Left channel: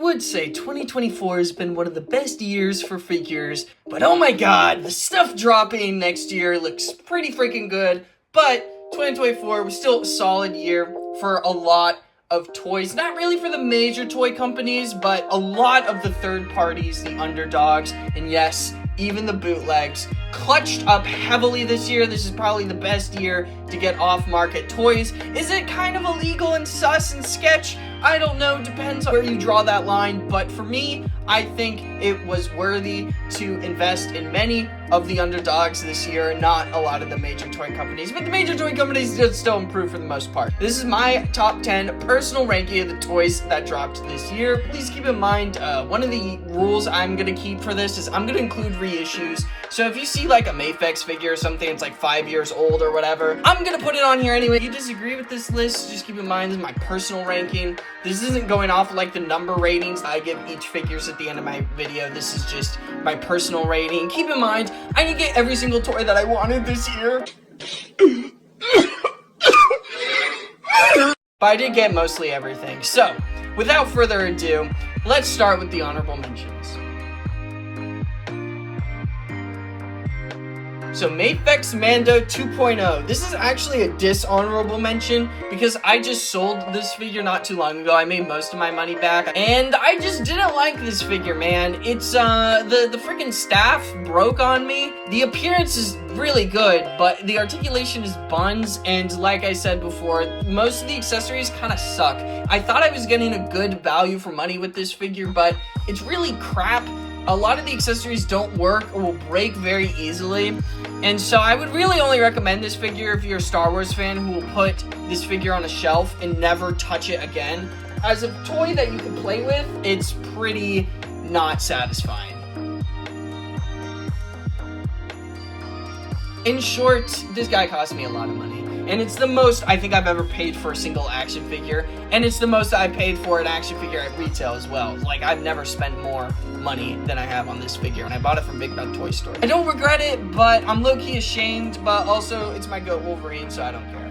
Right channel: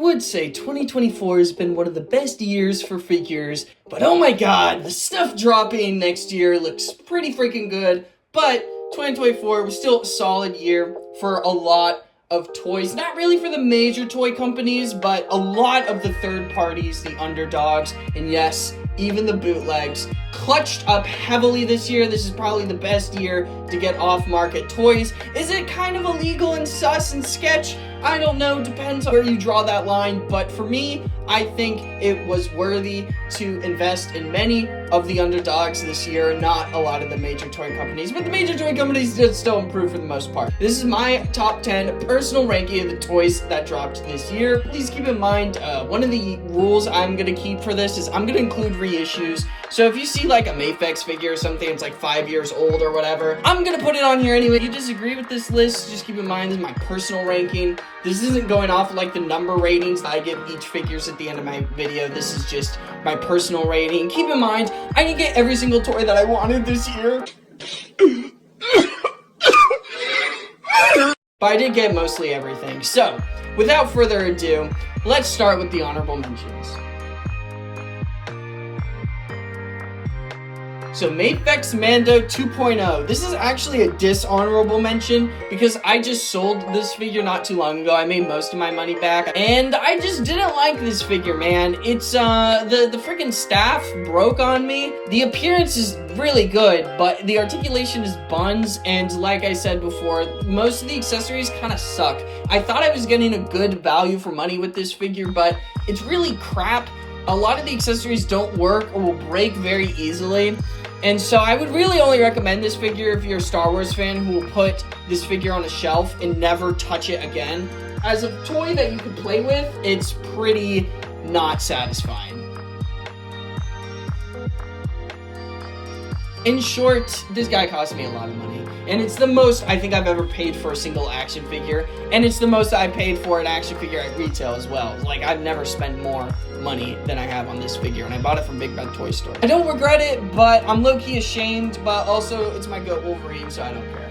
would say 2024 has been one of the best years for figures, but oh my god, the stuff dropping next year looks pretty freaking good. But 2024 was still a solid year for a lot of toys. Not really for the major toy companies, but a lot of the third parties, the underdogs, and yes, even the bootlegs, clutched up heavily this year. This is probably the best year to get off-market toys. Is it kind of illegal and sus and sketch? I don't know, depends on where you draw that line, but for me, I think it was worthy to invest in many of the underdogs this year, not a lot of the major toy companies, but the major toy companies did still improve for the most part. This is my top 10 personal ranking of the toys that dropped this year. Please keep in mind, one of the rules I'm gonna keep for this is I'm gonna include reissues. So if you see like a Mafex figure or something that's like 5 years old or whatever, I'm gonna put it on here anyway. If you disagree with this list, just keep in mind this is my personal ranking. This isn't going off like the number ratings that I give each figures at the end of my video. This is just my personal rating. Keep in mind, I didn't get every single toy that I wanted this year. But I did get mostly everything. So, without further ado, let's start with the honorable mentions. So Mafex Mando 2.0. This is actually a dishonorable mention because I just sold this figure not too long ago. I made most of my money back and I just didn't like this figure, man. It's the freaking staff broke on me. The appearance is really good, but the articulation is buns, and like I said before, most of the accessories kind of suck. I thought I was getting a good value for money with this figure, but it's really crap. A lot of the accessories don't work or will break very easily. And so I would really only recommend this figure if you're a Star Wars fan who will put this figure on a shelf and never touch it again. As a toy that you can play with, it's pretty not satisfying. In short, this guy cost me a lot of money. And it's the most I think I've ever paid for a single action figure. And it's the most I paid for an action figure at retail as well. Like, I've never spent more money than I have on this figure. And I bought it from Big Bad Toy Store. I don't regret it, but I'm low-key ashamed. But also, it's my GOAT Wolverine, so I don't care.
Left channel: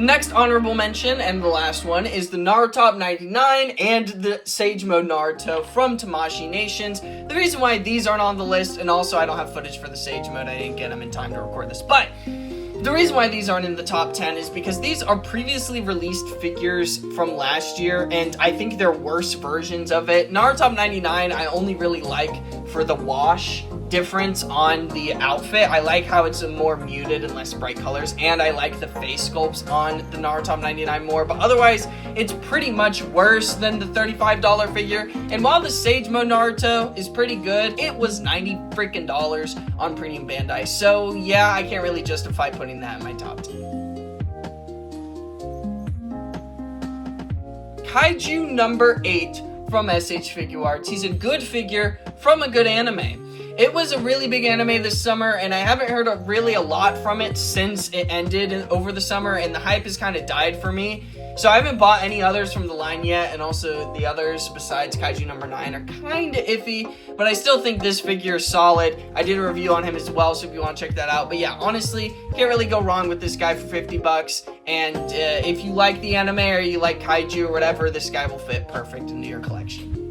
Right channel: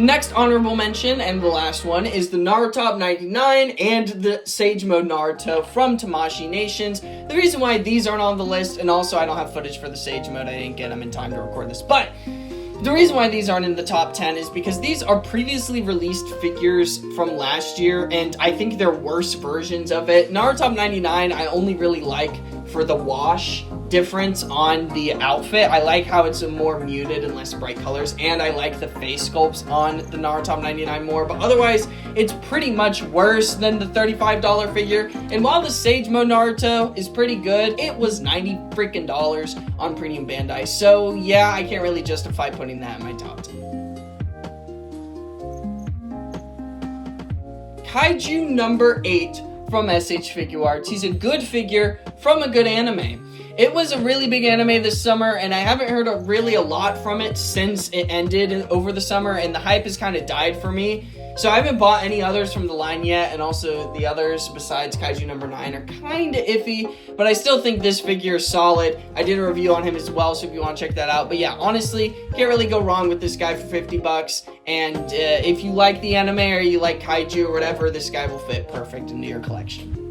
Next honorable mention, and the last one, is the Naruto 99 and the Sage Mode Naruto from Tamashii Nations. The reason why these aren't on the list, and also I don't have footage for the Sage Mode, I didn't get them in time to record this, but the reason why these aren't in the top 10 is because these are previously released figures from last year, and I think they're worse versions of it. Naruto 99 I only really like for the wash difference on the outfit. I like how it's a more muted and less bright colors, and I like the face sculpts on the Naruto 99 more, but otherwise it's pretty much worse than the $35 figure. And while the Sage Mode Naruto is pretty good, it was $90 freaking on Premium Bandai, so yeah, I can't really justify putting that in my top 10. Kaiju number 8 from SH Figuarts. He's a good figure from a good anime. It was a really big anime this summer, and I haven't heard really a lot from it since it ended over the summer, and the hype has kind of died for me. So I haven't bought any others from the line yet, and also the others besides Kaiju number 9 are kind of iffy, but I still think this figure is solid. I did a review on him as well, so if you want to check that out. But yeah, honestly, can't really go wrong with this guy for 50 bucks, and if you like the anime or you like Kaiju or whatever, this guy will fit perfect into your collection.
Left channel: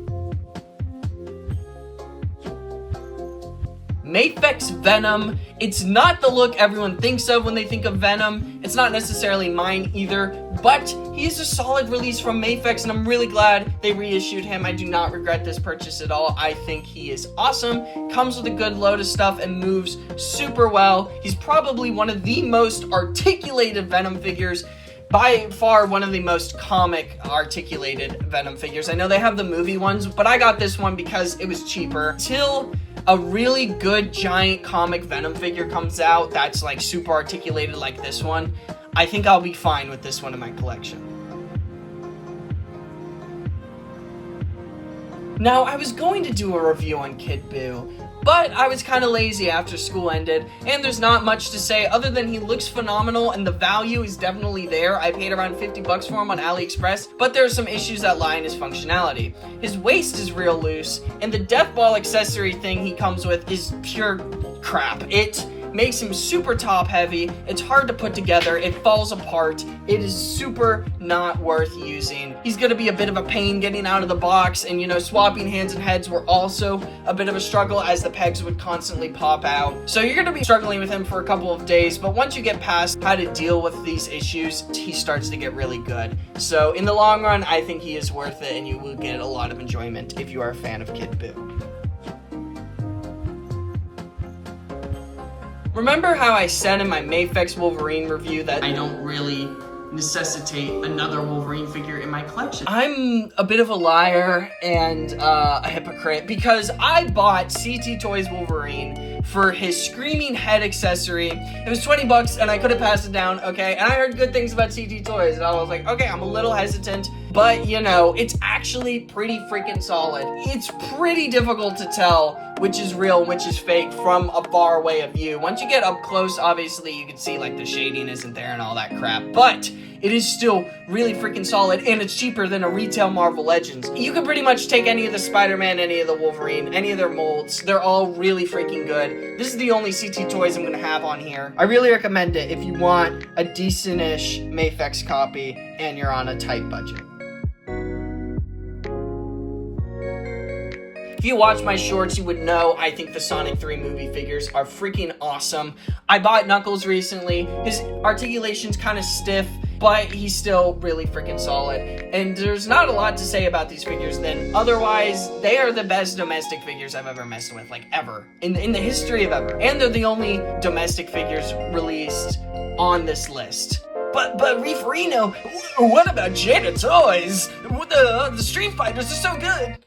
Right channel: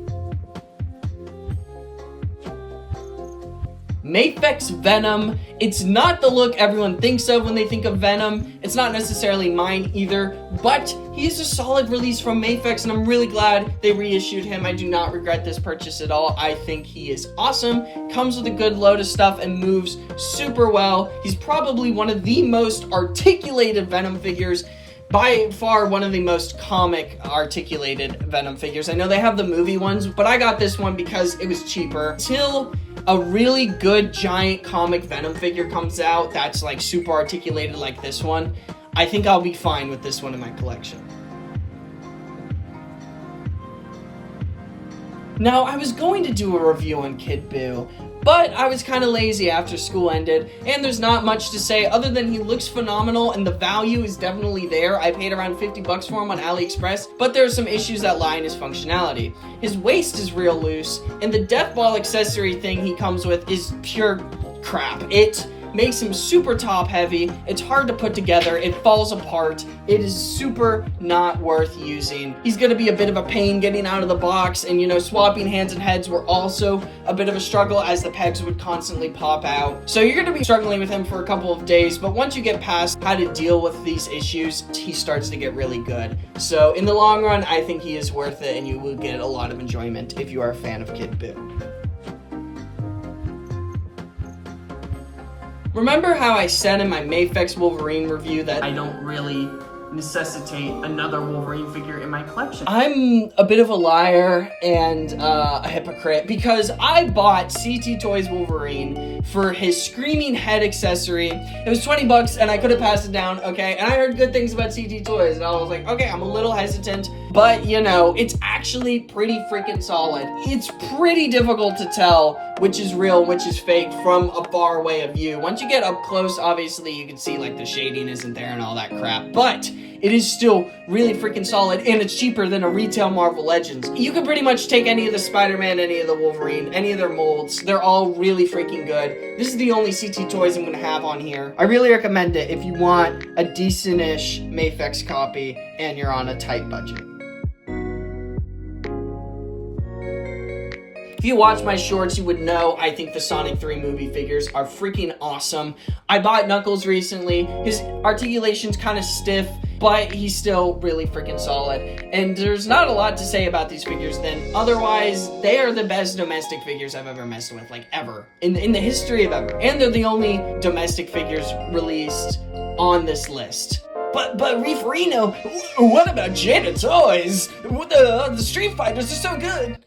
Mafex Venom. It's not the look everyone thinks of when they think of Venom. It's not necessarily mine either, but he's a solid release from Mafex, and I'm really glad they reissued him. I do not regret this purchase at all. I think he is awesome, comes with a good load of stuff, and moves super well. He's probably one of the most articulated Venom figures, by far one of the most comic articulated Venom figures. I know they have the movie ones, but I got this one because it was cheaper. Till a really good giant comic Venom figure comes out that's like super articulated like this one, I think I'll be fine with this one in my collection. Now, I was going to do a review on Kid Buu, but I was kind of lazy after school ended, and there's not much to say other than he looks phenomenal and the value is definitely there. I paid around 50 bucks for him on AliExpress, but there are some issues that lie in his functionality. His waist is real loose, and the death ball accessory thing he comes with is pure crap. It makes him super top heavy. It's hard to put together. It falls apart. It is super not worth using. He's gonna be a bit of a pain getting out of the box, and you know, swapping hands and heads were also a bit of a struggle as the pegs would constantly pop out. So you're gonna be struggling with him for a couple of days, but once you get past how to deal with these issues, he starts to get really good. So in the long run, I think he is worth it, and you will get a lot of enjoyment if you are a fan of Kid Buu. Remember how I said in my Mafex Wolverine review that I don't really necessitate another Wolverine figure in my collection? I'm a bit of a liar and a hypocrite, because I bought CT Toys Wolverine for his screaming head accessory. It was 20 bucks and I could have passed it down, okay? And I heard good things about CT Toys and I was like, okay, I'm a little hesitant, but you know, it's actually pretty freaking solid. It's pretty difficult to tell which is real and which is fake from a far away of view. Once you get up close, obviously you can see like the shading isn't there and all that crap, but it is still really freaking solid, and it's cheaper than a retail Marvel Legends. You can pretty much take any of the Spider-Man, any of the Wolverine, any of their molds. They're all really freaking good. This is the only CT Toys I'm gonna have on here. I really recommend it if you want a decent-ish Mafex copy and you're on a tight budget. If you watch my shorts, you would know I think the Sonic 3 movie figures are freaking awesome. I bought Knuckles recently. His articulation's kind of stiff, but he's still really freaking solid. And there's not a lot to say about these figures then. Otherwise, they are the best domestic figures I've ever messed with, like ever. In the history of ever. And they're the only domestic figures released on this list. But Reeferino, what about Jada Toys? The Street Fighters are so good.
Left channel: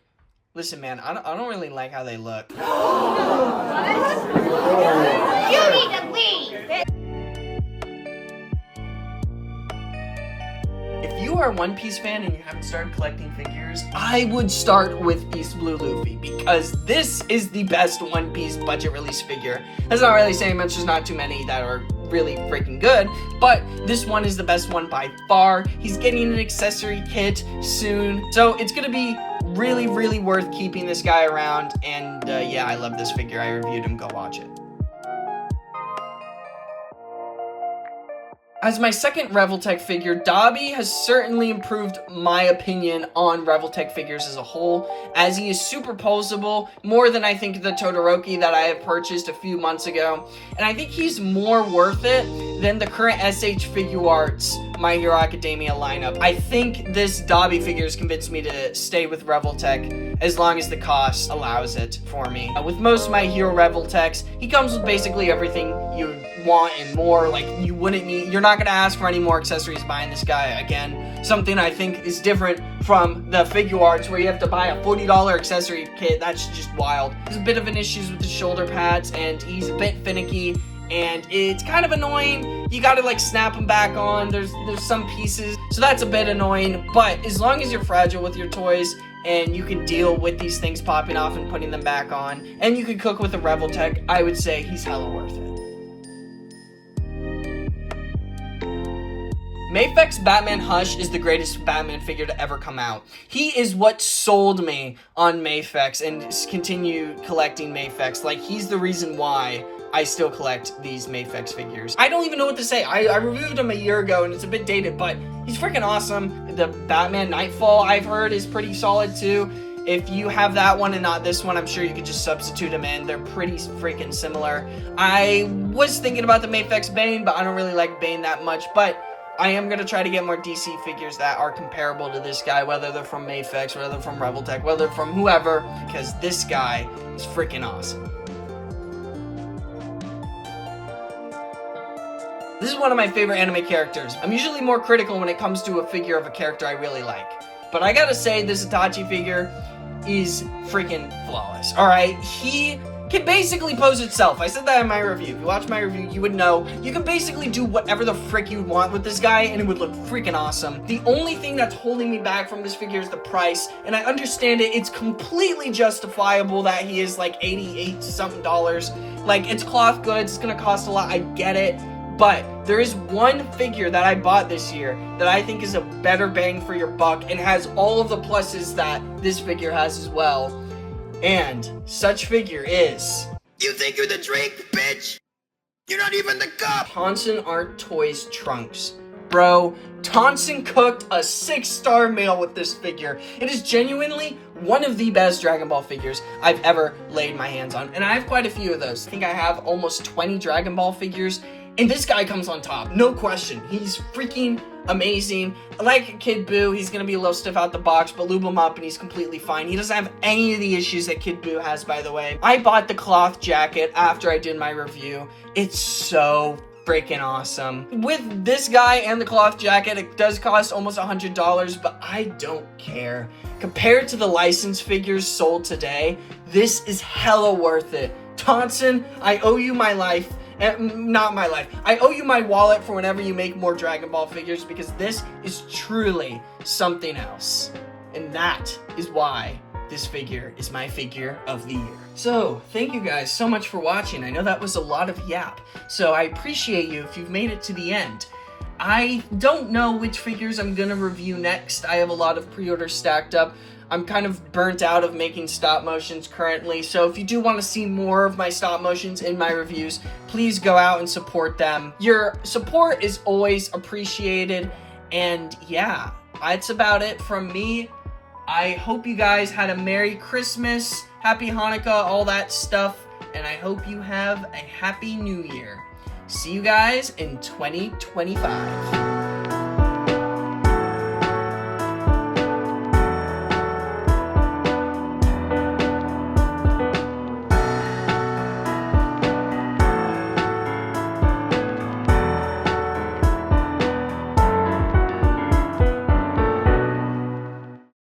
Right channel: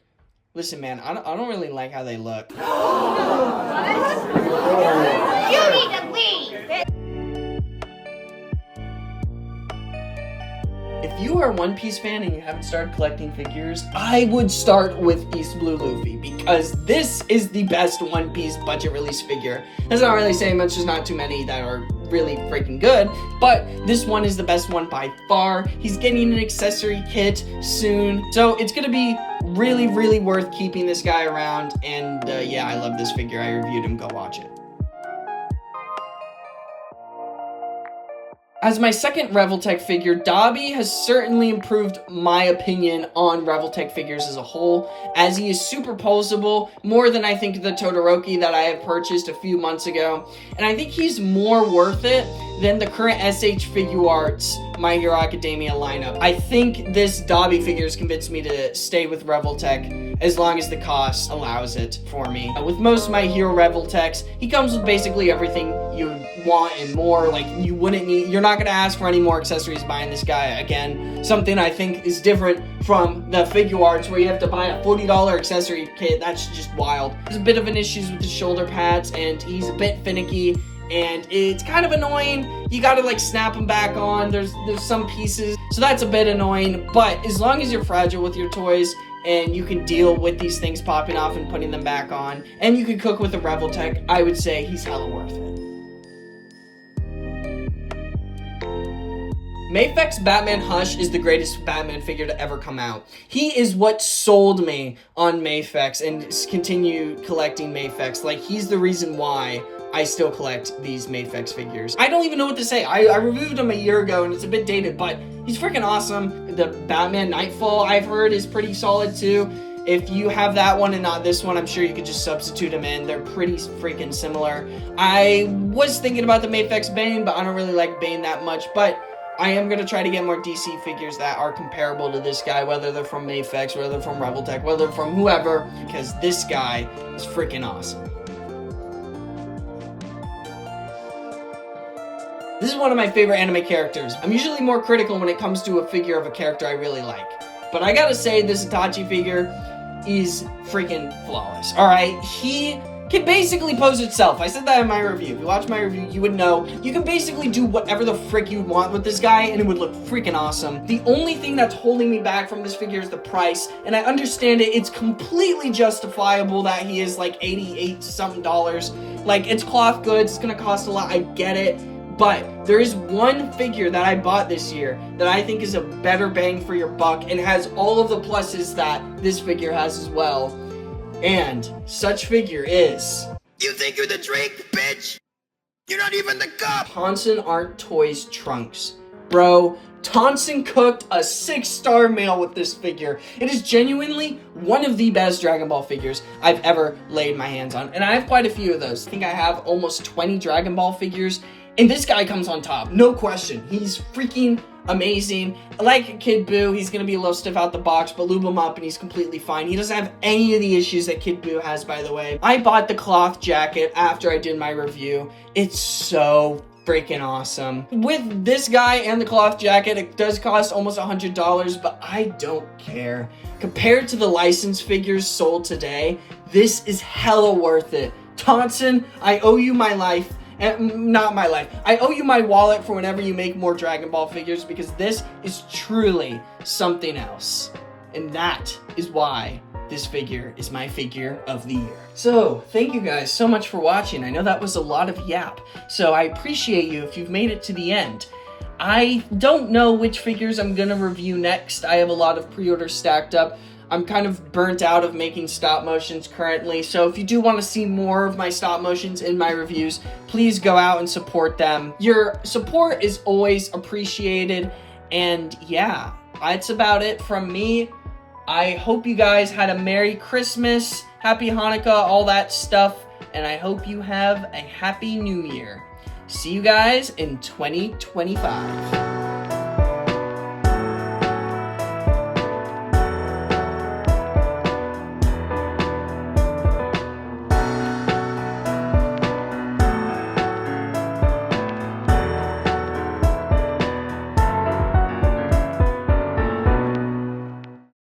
Listen, man, I don't really like how they look. You need to leave! If you are a One Piece fan and you haven't started collecting figures, I would start with East Blue Luffy, because this is the best One Piece budget release figure. That's not really saying much, there's not too many that are really freaking good, but this one is the best one by far. He's getting an accessory kit soon, so it's gonna be really, really worth keeping this guy around, and yeah, I love this figure. I reviewed him, go watch it. As my second Revoltech figure, Dobby has certainly improved my opinion on Revoltech figures as a whole, as he is super posable, more than I think the Todoroki that I have purchased a few months ago, and I think he's more worth it than the current SH Figuarts My Hero Academia lineup. I think this Dobby figure has convinced me to stay with Revoltech as long as the cost allows it for me. With most My Hero Revoltechs, he comes with basically everything you want and more. Like, you're not gonna ask for any more accessories buying this guy. Again, something I think is different from the Figuarts where you have to buy a $40 accessory kit. That's just wild. There's a bit of an issues with the shoulder pads, and he's a bit finicky, and it's kind of annoying. You gotta like snap them back on. There's some pieces, so that's a bit annoying, but as long as you're fragile with your toys and you can deal with these things popping off and putting them back on, and you can cook with a Revoltech, I would say he's hella worth it. Mafex Batman Hush is the greatest Batman figure to ever come out. He is what sold me on Mafex and continue collecting Mafex. Like, he's the reason why I still collect these Mafex figures. I don't even know what to say. I reviewed him a year ago and it's a bit dated, but he's freaking awesome. The Batman Nightfall, I've heard, is pretty solid too. If you have that one and not this one, I'm sure you could just substitute them in. They're pretty freaking similar. I was thinking about the Mafex Bane, but I don't really like Bane that much, but I am going to try to get more DC figures that are comparable to this guy, whether they're from Mafex, whether they're from Revoltech, whether they're from whoever, because this guy is freaking awesome. This is one of my favorite anime characters. I'm usually more critical when it comes to a figure of a character I really like, but I gotta say this Itachi figure is freaking flawless. Alright, he can basically pose itself. I said that in my review. If you watch my review, you would know. You can basically do whatever the frick you want with this guy, and it would look freaking awesome. The only thing that's holding me back from this figure is the price, and I understand it. It's completely justifiable that he is like $88-something. Like, it's cloth goods. It's gonna cost a lot. I get it. But there is one figure that I bought this year that I think is a better bang for your buck and has all of the pluses that this figure has as well. And such figure is... You think you're the Drake, bitch? You're not even the cop! Tonson Aren't Toys Trunks. Bro, Tonson cooked a 6-star meal with this figure. It is genuinely one of the best Dragon Ball figures I've ever laid my hands on. And I have quite a few of those. I think I have almost 20 Dragon Ball figures. And this guy comes on top, no question. He's freaking amazing. Like Kid Buu, he's gonna be a little stiff out the box, but lube him up and he's completely fine. He doesn't have any of the issues that Kid Buu has, by the way. I bought the cloth jacket after I did my review. It's so freaking awesome. With this guy and the cloth jacket, it does cost almost $100, but I don't care. Compared to the licensed figures sold today, this is hella worth it. Tonson, I owe you my life. Not my life. I owe you my wallet for whenever you make more Dragon Ball figures, because this is truly something else. And that is why this figure is my figure of the year. So, thank you guys so much for watching. I know that was a lot of yap, so I appreciate you if you've made it to the end. I don't know which figures I'm gonna review next. I have a lot of pre-orders stacked up. I'm kind of burnt out of making stop motions currently, so if you do want to see more of my stop motions in my reviews, please go out and support them. Your support is always appreciated, and yeah, that's about it from me. I hope you guys had a Merry Christmas, Happy Hanukkah, all that stuff, and I hope you have a Happy New Year. See you guys in 2025.